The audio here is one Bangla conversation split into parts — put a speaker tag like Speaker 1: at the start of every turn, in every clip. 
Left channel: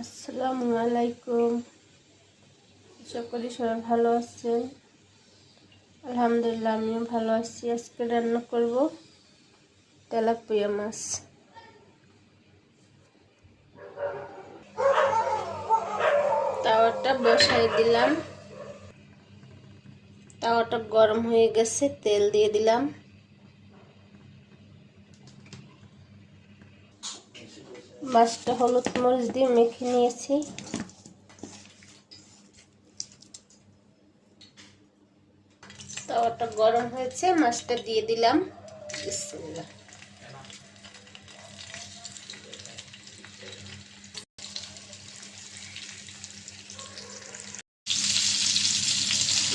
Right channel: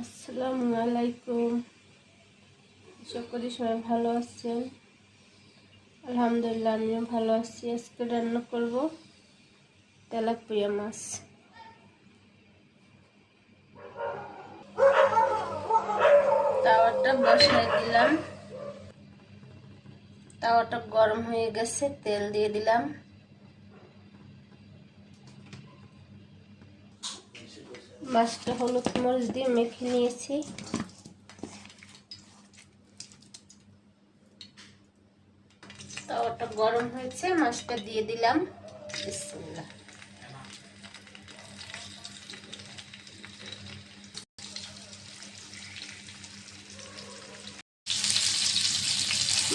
Speaker 1: আসসালামু আলাইকুম। করি সবাই ভালো আছেন। আলহামদুলিল্লাহ, আমিও ভালো আছি। আজকে রান্না করব তেলাপিয়া মাছ। তাওয়াটা বসাই দিলাম। তাওয়াটা গরম হয়ে গেছে, তেল দিয়ে দিলাম। মাছটা হলুদ মরিচ দিয়ে মেখে নিয়েছি। তাওয়াটা গরম হয়েছে, মাছটা দিয়ে দিলাম। বিসমিল্লাহ।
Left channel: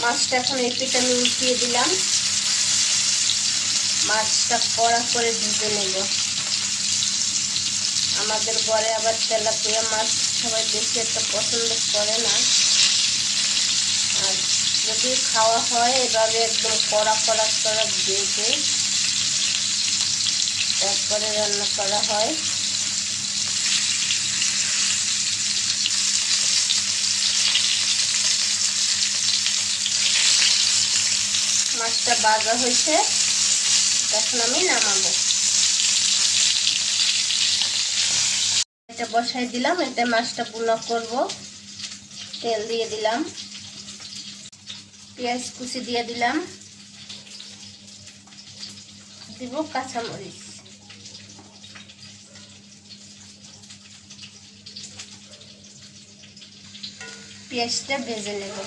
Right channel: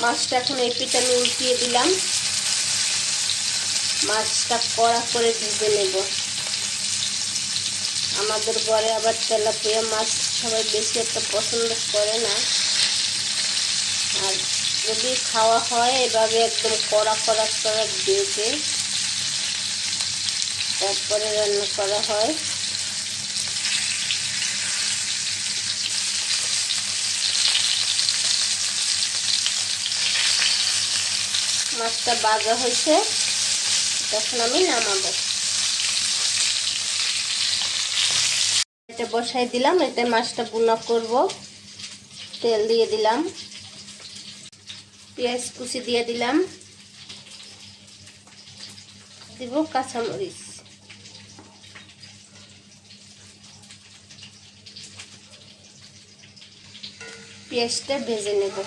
Speaker 1: মাছটা এখন এই পিঠা আমি উল্টিয়ে দিলাম। মাছটা কড়া করে ভেজে নেব। আমাদের ঘরে আবার তেলাপিয়া মাছ সবাই বেশি একটা পছন্দ করে না। আর যদি খাওয়া হয়, এভাবে একদম কড়া কড়া কড়া ভেজে তারপরে রান্না করা হয়। মাছটা বাজা হয়েছে, তখন আমি নামাবো। এটা বসাই দিলাম, এতে মাছটা বুনা করব। তেল দিয়ে দিলাম। পেঁয়াজ কুচি দিয়ে দিলাম। দিব কাঁচামরিচ। পেঁয়াজটা ভেজে নেব।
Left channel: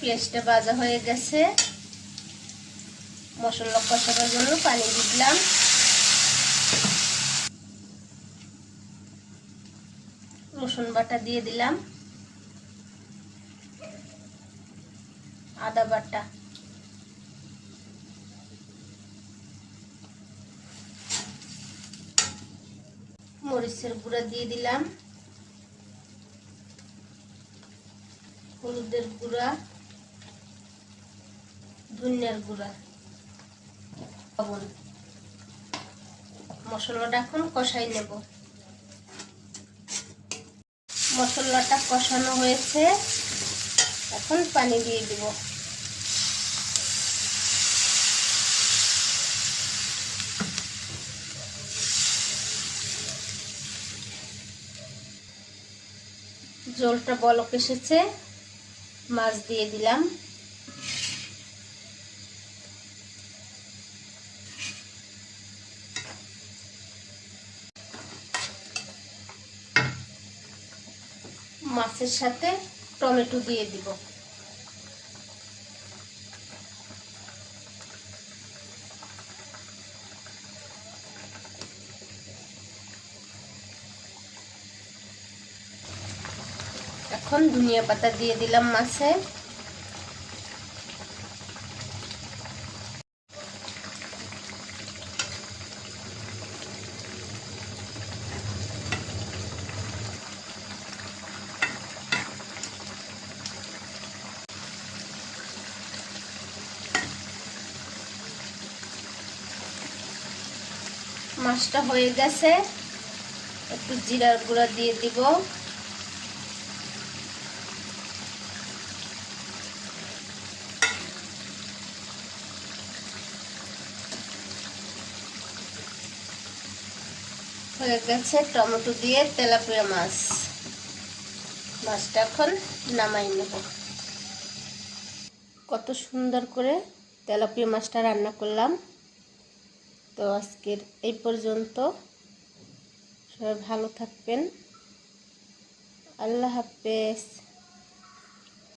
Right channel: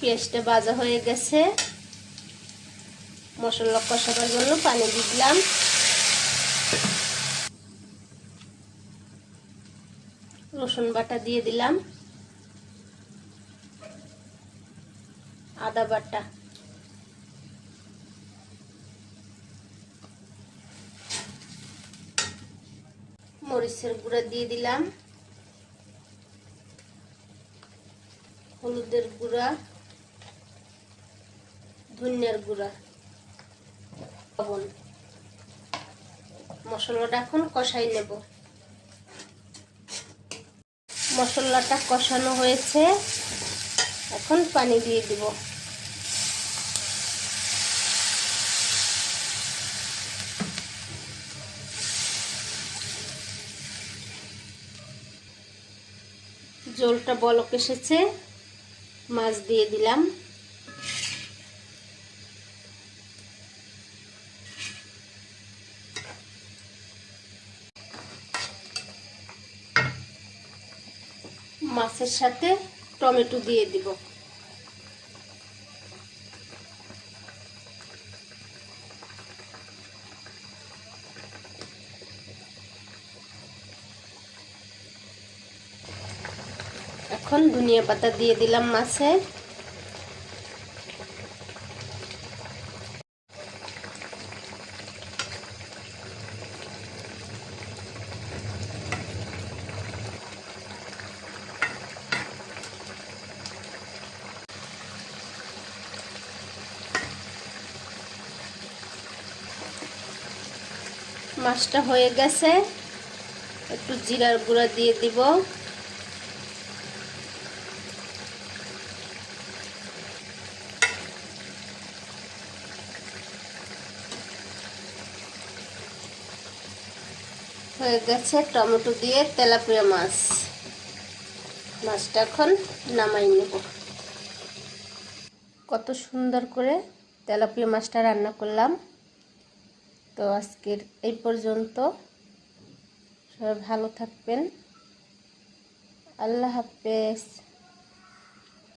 Speaker 1: পেঁয়াজটা ভাজা হয়ে গেছে। মশলা কষানোর জন্য পানি দিলাম। রসুন বাটা দিয়ে দিলাম। আদা বাটা। মরিচের গুঁড়া দিয়ে দিলাম। হলুদের গুঁড়া। ধনিয়ার গুঁড়া। মশলাটা এখন কষাই নেব। মশলাটা কষানো হয়েছে। এখন পানি দিয়ে দিব। জলটা বলক এসেছে। মাছ দিয়ে দিলাম। মাছের সাথে টমেটো দিয়ে দিব। এখন ধনিয়া পাতা দিয়ে দিলাম মাছে। মাছটা হয়ে গেছে। একটু জিরার গুঁড়া দিয়ে দিব। হয়ে গেছে টমেটো দিয়ে তেলাপিয়া মাছ। মাছটা এখন নামাই নেব। কত সুন্দর করে তেলাপিয়া মাছটা রান্না করলাম। তো আজকের এই পর্যন্ত। সবাই ভালো থাকবেন। আল্লাহ হাফেজ।